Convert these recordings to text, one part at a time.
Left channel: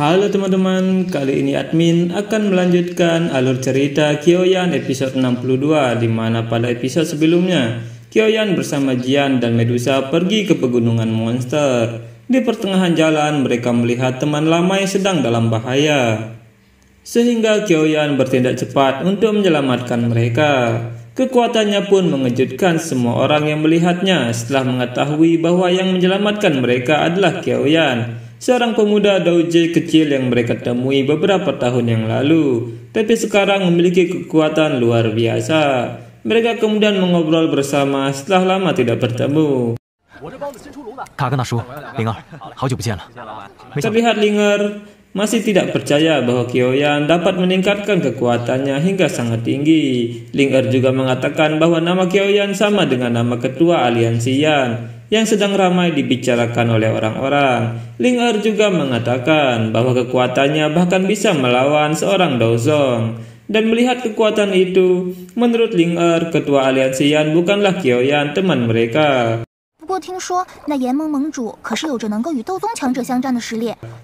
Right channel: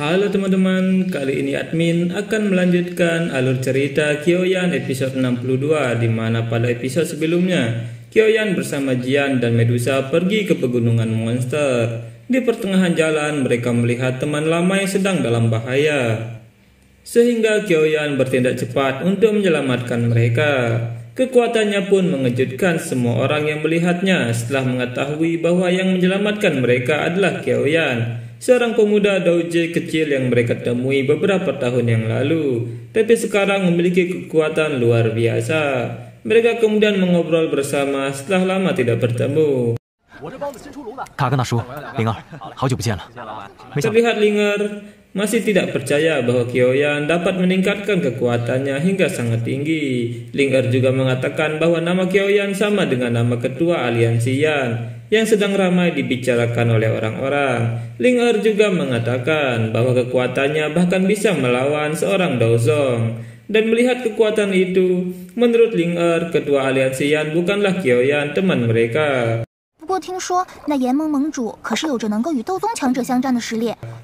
Halo teman-teman, kali ini admin akan melanjutkan alur cerita Kyoyan episode 62, di mana pada episode sebelumnya Kyoyan bersama Jian dan Medusa pergi ke pegunungan monster. Di pertengahan jalan mereka melihat teman lama yang sedang dalam bahaya, sehingga Kyoyan bertindak cepat untuk menyelamatkan mereka. Kekuatannya pun mengejutkan semua orang yang melihatnya setelah mengetahui bahwa yang menyelamatkan mereka adalah Kyoyan, seorang pemuda douje kecil yang mereka temui beberapa tahun yang lalu, tapi sekarang memiliki kekuatan luar biasa. Mereka kemudian mengobrol bersama setelah lama tidak bertemu. Terlihat Linger masih tidak percaya bahwa Kyoyan dapat meningkatkan kekuatannya hingga sangat tinggi. Linger juga mengatakan bahwa nama Kyoyan sama dengan nama ketua aliansi Yan yang sedang ramai dibicarakan oleh orang-orang. Linger juga mengatakan bahwa kekuatannya bahkan bisa melawan seorang Dozong. Dan melihat kekuatan itu, menurut Linger, ketua aliansi Yan bukanlah Kyoyan, teman mereka.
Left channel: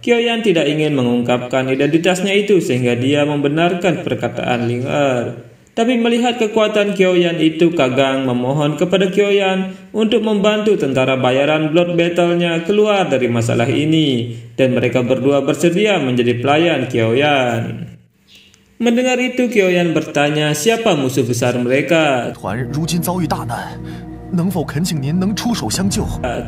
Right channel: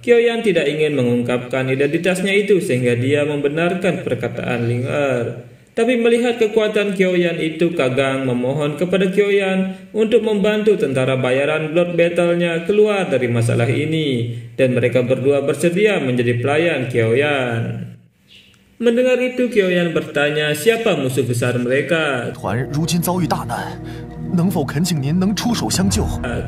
Kyoyan tidak ingin mengungkapkan identitasnya itu sehingga dia membenarkan perkataan Linger. Tapi melihat kekuatan Kyoyan itu, Kagang memohon kepada Kyoyan untuk membantu tentara bayaran Blood Battle-nya keluar dari masalah ini, dan mereka berdua bersedia menjadi pelayan Kyoyan. Mendengar itu, Kyoyan bertanya siapa musuh besar mereka.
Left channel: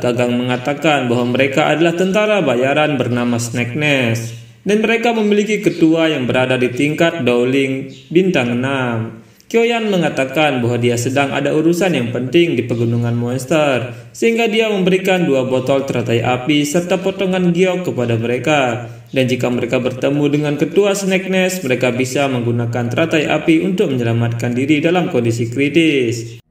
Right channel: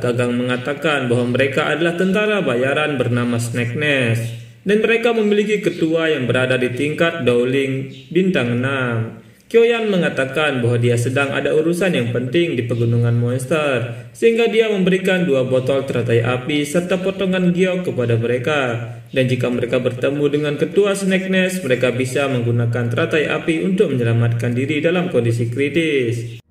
Kagang mengatakan bahwa mereka adalah tentara bayaran bernama Snake Nest, dan mereka memiliki ketua yang berada di tingkat Dowling bintang 6. Kyoyan mengatakan bahwa dia sedang ada urusan yang penting di pegunungan monster, sehingga dia memberikan 2 botol teratai api serta potongan giok kepada mereka. Dan jika mereka bertemu dengan ketua Snake Nest, mereka bisa menggunakan teratai api untuk menyelamatkan diri dalam kondisi kritis.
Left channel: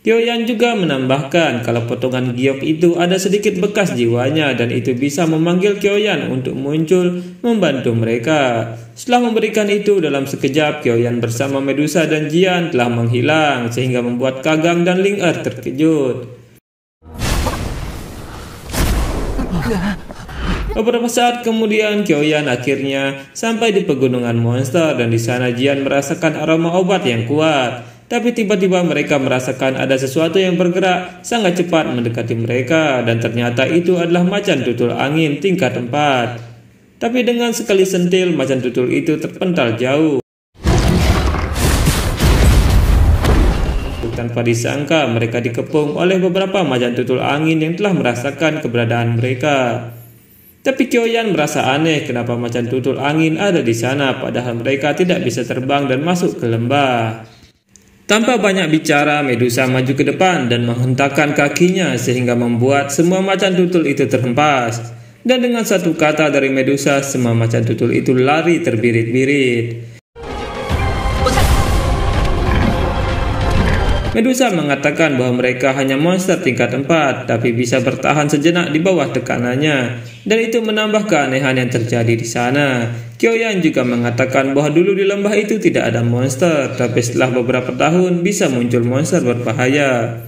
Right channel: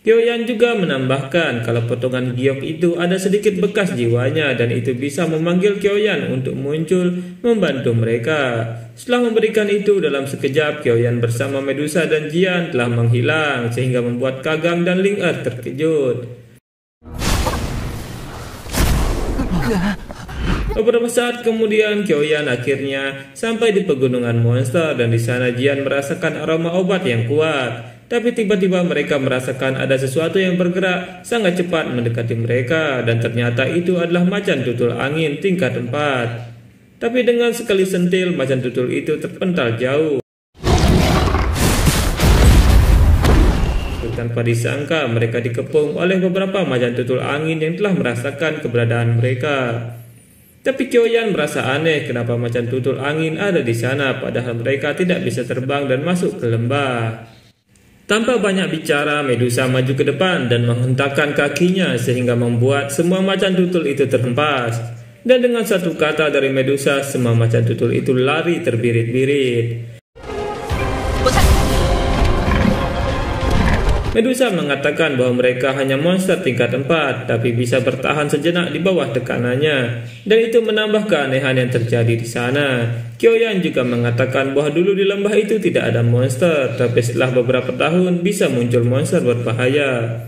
Kyoyan juga menambahkan kalau potongan giok itu ada sedikit bekas jiwanya, dan itu bisa memanggil Kyoyan untuk muncul membantu mereka. Setelah memberikan itu, dalam sekejap Kyoyan bersama Medusa dan Jian telah menghilang, sehingga membuat Kagang dan Linger terkejut. Beberapa saat kemudian Kyoyan akhirnya sampai di pegunungan monster, dan di sana Jian merasakan aroma obat yang kuat. Tapi tiba-tiba mereka merasakan ada sesuatu yang bergerak sangat cepat mendekati mereka, dan ternyata itu adalah macan tutul angin tingkat 4. Tapi dengan sekali sentil, macan tutul itu terpental jauh. Tanpa disangka, mereka dikepung oleh beberapa macan tutul angin yang telah merasakan keberadaan mereka. Tapi Kyoyan merasa aneh kenapa macan tutul angin ada di sana, padahal mereka tidak bisa terbang dan masuk ke lembah. Tanpa banyak bicara, Medusa maju ke depan dan menghentakkan kakinya sehingga membuat semua macan tutul itu terhempas. Dan dengan satu kata dari Medusa, semua macan tutul itu lari terbirit-birit. Medusa mengatakan bahwa mereka hanya monster tingkat 4, tapi bisa bertahan sejenak di bawah tekanannya, dan itu menambah keanehan yang terjadi di sana. Kyoyan juga mengatakan bahwa dulu di lembah itu tidak ada monster, tapi setelah beberapa tahun bisa muncul monster berbahaya.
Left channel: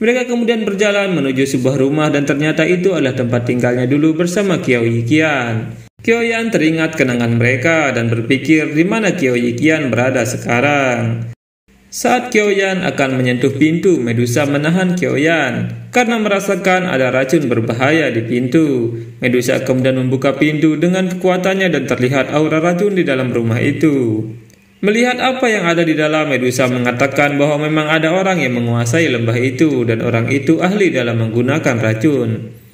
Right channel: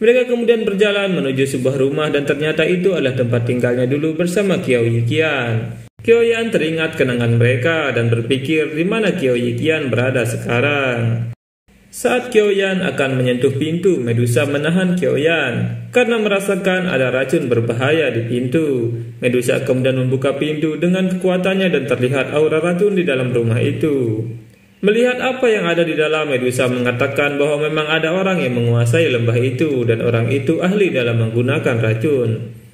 Mereka kemudian berjalan menuju sebuah rumah, dan ternyata itu adalah tempat tinggalnya dulu bersama Qiao Yiqian. Kyoyan teringat kenangan mereka dan berpikir di mana Qiao Yiqian berada sekarang. Saat Kyoyan akan menyentuh pintu, Medusa menahan Kyoyan karena merasakan ada racun berbahaya di pintu. Medusa kemudian membuka pintu dengan kekuatannya dan terlihat aura racun di dalam rumah itu. Melihat apa yang ada di dalam, Medusa mengatakan bahwa memang ada orang yang menguasai lembah itu, dan orang itu ahli dalam menggunakan racun.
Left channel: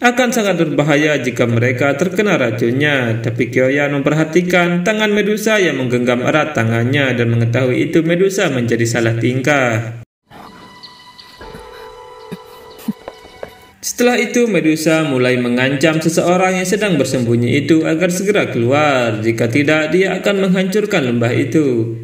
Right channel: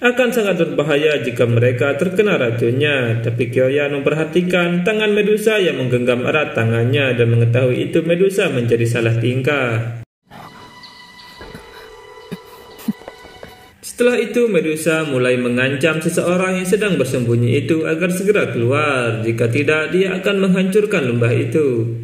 Akan sangat berbahaya jika mereka terkena racunnya. Tapi Kyoyan memperhatikan tangan Medusa yang menggenggam erat tangannya, dan mengetahui itu Medusa menjadi salah tingkah. Setelah itu Medusa mulai mengancam seseorang yang sedang bersembunyi itu agar segera keluar. Jika tidak, dia akan menghancurkan lembah itu.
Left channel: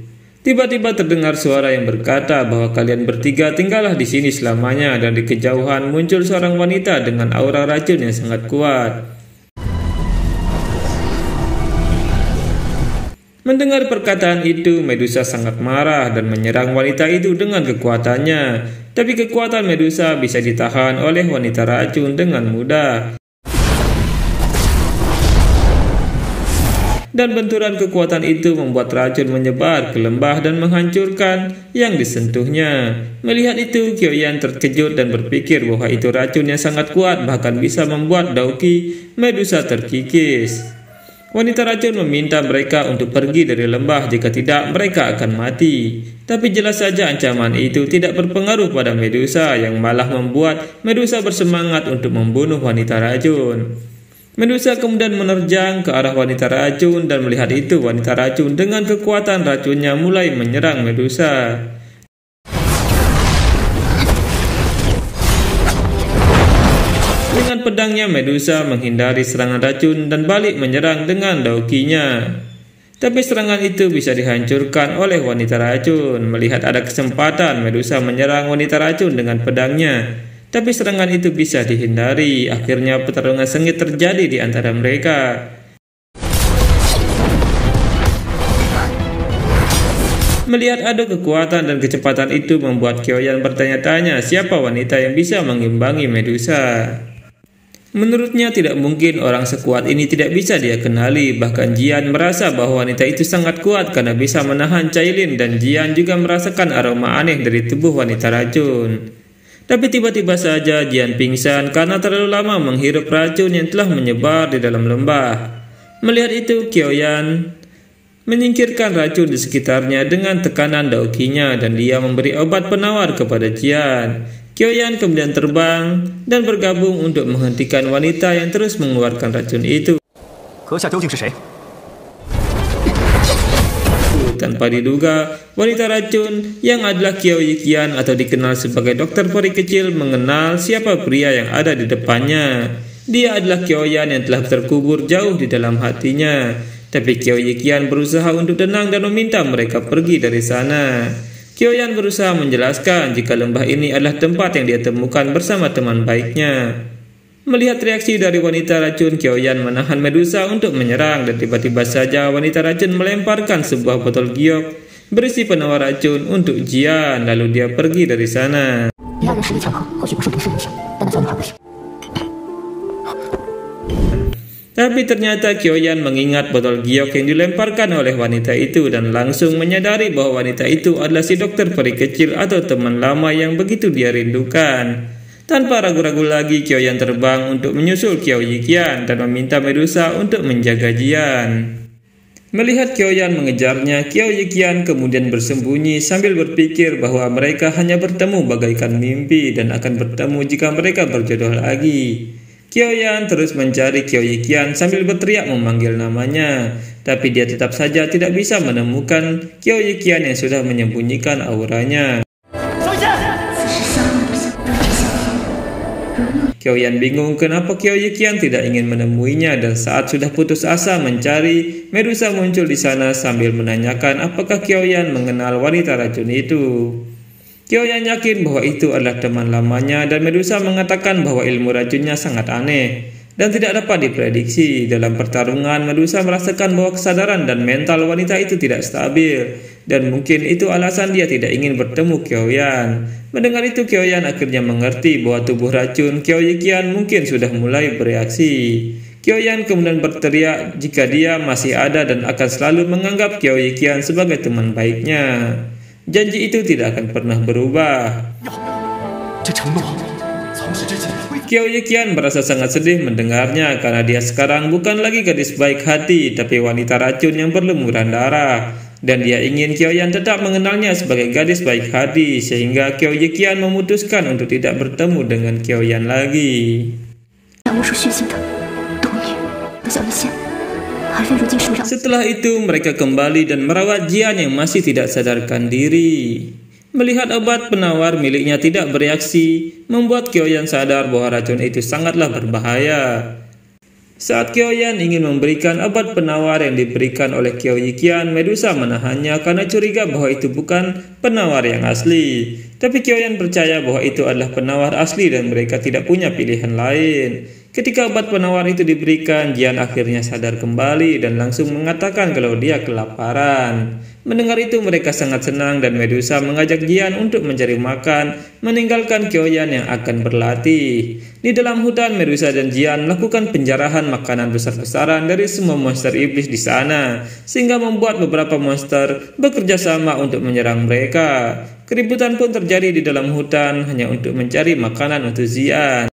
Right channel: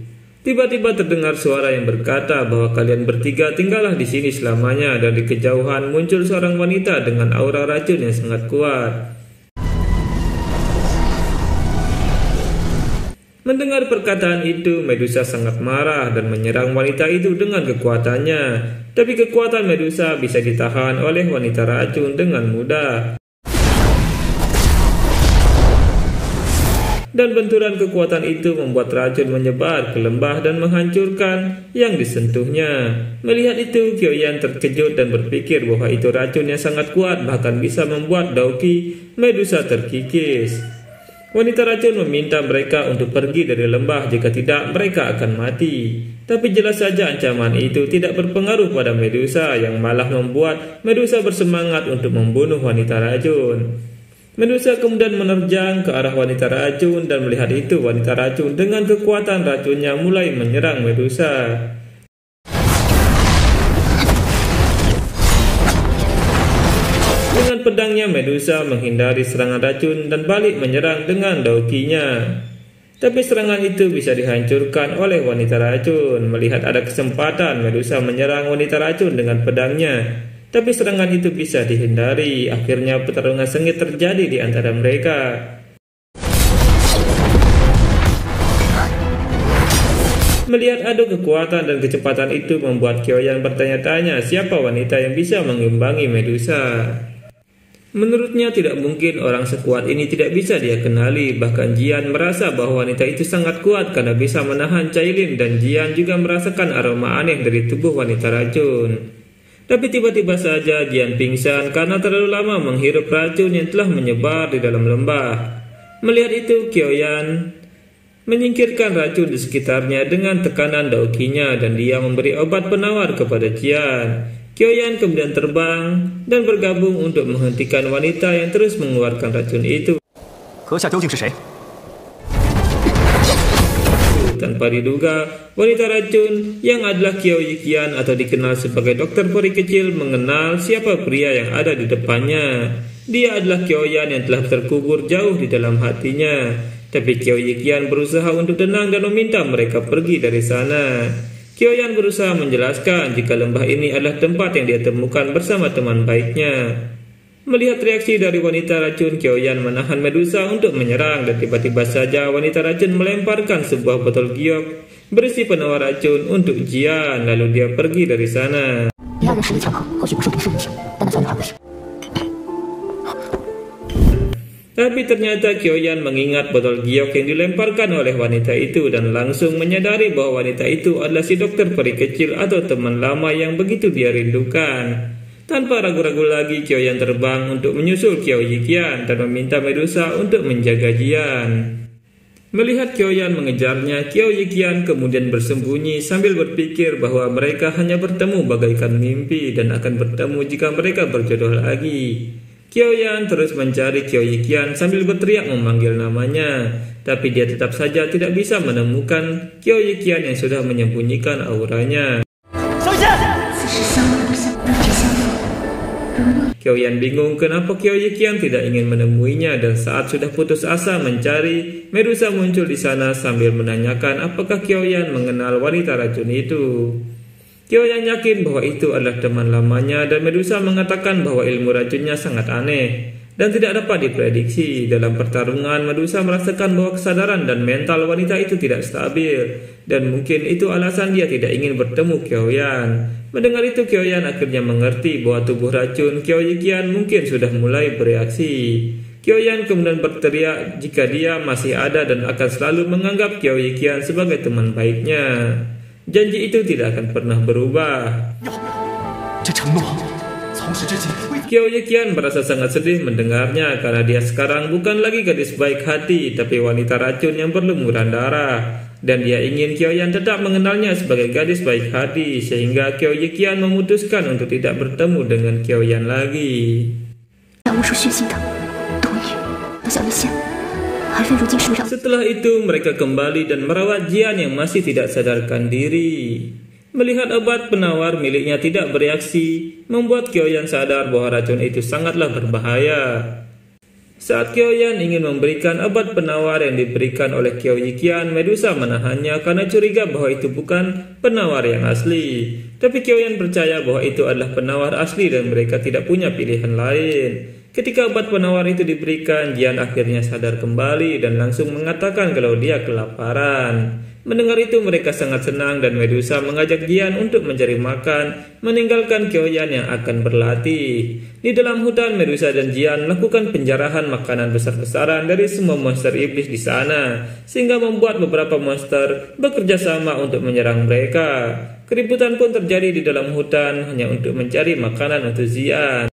Tiba-tiba terdengar suara yang berkata bahwa kalian bertiga tinggallah di sini selamanya, dan di kejauhan muncul seorang wanita dengan aura racun yang sangat kuat. Mendengar perkataan itu, Medusa sangat marah dan menyerang wanita itu dengan kekuatannya. Tapi kekuatan Medusa bisa ditahan oleh wanita racun dengan mudah. Dan benturan kekuatan itu membuat racun menyebar ke lembah dan menghancurkan yang disentuhnya. Melihat itu, Kyoyan terkejut dan berpikir bahwa itu racun yang sangat kuat, bahkan bisa membuat Dauki Medusa terkikis. Wanita racun meminta mereka untuk pergi dari lembah, jika tidak mereka akan mati. Tapi jelas saja ancaman itu tidak berpengaruh pada Medusa, yang malah membuat Medusa bersemangat untuk membunuh wanita racun. Medusa kemudian menerjang ke arah wanita racun, dan melihat itu wanita racun dengan kekuatan racunnya mulai menyerang Medusa. Dengan pedangnya, Medusa menghindari serangan racun dan balik menyerang dengan daukinya. Tapi serangan itu bisa dihancurkan oleh wanita racun. Melihat ada kesempatan, Medusa menyerang wanita racun dengan pedangnya. Tapi serangan itu bisa dihindari. Akhirnya pertarungan sengit terjadi di antara mereka. Melihat ada kekuatan dan kecepatan itu membuat Kyoyan bertanya-tanya siapa wanita yang bisa mengimbangi Medusa. Menurutnya tidak mungkin orang sekuat ini tidak bisa dia kenali. Bahkan Jian merasa bahwa wanita itu sangat kuat karena bisa menahan Cailin, dan Jian juga merasakan aroma aneh dari tubuh wanita racun. Tapi tiba-tiba saja Jian pingsan karena terlalu lama menghirup racun yang telah menyebar di dalam lembah. Melihat itu, Kyoyan menyingkirkan racun di sekitarnya dengan tekanan daukinya, dan dia memberi obat penawar kepada Jian. Kyoyan kemudian terbang dan bergabung untuk menghentikan wanita yang terus mengeluarkan racun itu. Tanpa diduga, wanita racun yang adalah Qiao Yiqian atau dikenal sebagai dokter peri kecil mengenal siapa pria yang ada di depannya. Dia adalah Kyoyan yang telah terkubur jauh di dalam hatinya. Tapi Qiao Yiqian berusaha untuk tenang dan meminta mereka pergi dari sana. Kyoyan berusaha menjelaskan jika lembah ini adalah tempat yang dia temukan bersama teman baiknya. Melihat reaksi dari wanita racun, Kyoyan menahan Medusa untuk menyerang, dan tiba-tiba saja wanita racun melemparkan sebuah botol giok berisi penawar racun untuk Jian, lalu dia pergi dari sana. Tapi ternyata Kyoyan mengingat botol giok yang dilemparkan oleh wanita itu dan langsung menyadari bahwa wanita itu adalah si dokter peri kecil atau teman lama yang begitu dia rindukan. Tanpa ragu-ragu lagi, Kyoyan terbang untuk menyusul Qiao Yiqian dan meminta Medusa untuk menjaga Jian. Melihat Kyoyan mengejarnya, Qiao Yiqian kemudian bersembunyi sambil berpikir bahwa mereka hanya bertemu bagaikan mimpi dan akan bertemu jika mereka berjodoh lagi. Kyoyan terus mencari Qiao Yiqian sambil berteriak memanggil namanya, tapi dia tetap saja tidak bisa menemukan Qiao Yiqian yang sudah menyembunyikan auranya. Kyoyan bingung kenapa Qiao Yiqian tidak ingin menemuinya, dan saat sudah putus asa mencari, Medusa muncul di sana sambil menanyakan apakah Kyoyan mengenal wanita racun itu. Kyoyan yakin bahwa itu adalah teman lamanya, dan Medusa mengatakan bahwa ilmu racunnya sangat aneh dan tidak dapat diprediksi. Dalam pertarungan, Medusa merasakan bahwa kesadaran dan mental wanita itu tidak stabil, dan mungkin itu alasan dia tidak ingin bertemu Kyoyan. Mendengar itu, Kyoyan akhirnya mengerti bahwa tubuh racun Qiao Yiqian mungkin sudah mulai bereaksi. Kyoyan kemudian berteriak jika dia masih ada dan akan selalu menganggap Qiao Yiqian sebagai teman baiknya. Janji itu tidak akan pernah berubah. Qiao Yiqian merasa sangat sedih mendengarnya karena dia sekarang bukan lagi gadis baik hati, tapi wanita racun yang berlumuran darah. Dan dia ingin Kyoyan tetap mengenalnya sebagai gadis baik hati, sehingga Qiao Yiqian memutuskan untuk tidak bertemu dengan Kyoyan lagi. Setelah itu mereka kembali dan merawat Jian yang masih tidak sadarkan diri. Melihat obat penawar miliknya tidak bereaksi, membuat Kyoyan sadar bahwa racun itu sangatlah berbahaya. Saat Kyoyan ingin memberikan obat penawar yang diberikan oleh Qiao Yiqian, Medusa menahannya karena curiga bahwa itu bukan penawar yang asli. Tapi Kyoyan percaya bahwa itu adalah penawar asli dan mereka tidak punya pilihan lain. Ketika obat penawar itu diberikan, Jian akhirnya sadar kembali dan langsung mengatakan kalau dia kelaparan. Mendengar itu mereka sangat senang dan Medusa mengajak Jian untuk mencari makan, meninggalkan Kyoyan yang akan berlatih. Di dalam hutan, Medusa dan Jian melakukan penjarahan makanan besar-besaran dari semua monster iblis di sana, sehingga membuat beberapa monster bekerja sama untuk menyerang mereka. Keributan pun terjadi di dalam hutan hanya untuk mencari makanan untuk Jian.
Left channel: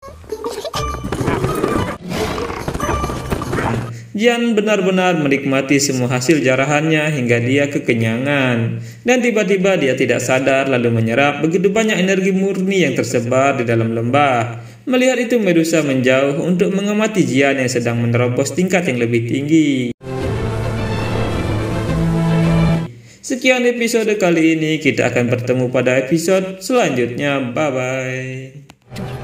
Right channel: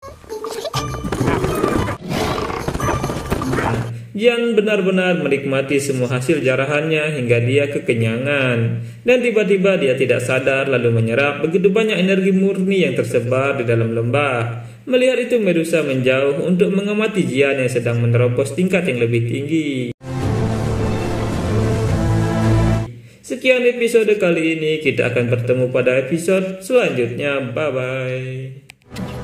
Jian benar-benar menikmati semua hasil jarahannya hingga dia kekenyangan. Dan tiba-tiba dia tidak sadar lalu menyerap begitu banyak energi murni yang tersebar di dalam lembah. Melihat itu Medusa menjauh untuk mengamati Jian yang sedang menerobos tingkat yang lebih tinggi. Sekian episode kali ini, kita akan bertemu pada episode selanjutnya. Bye-bye.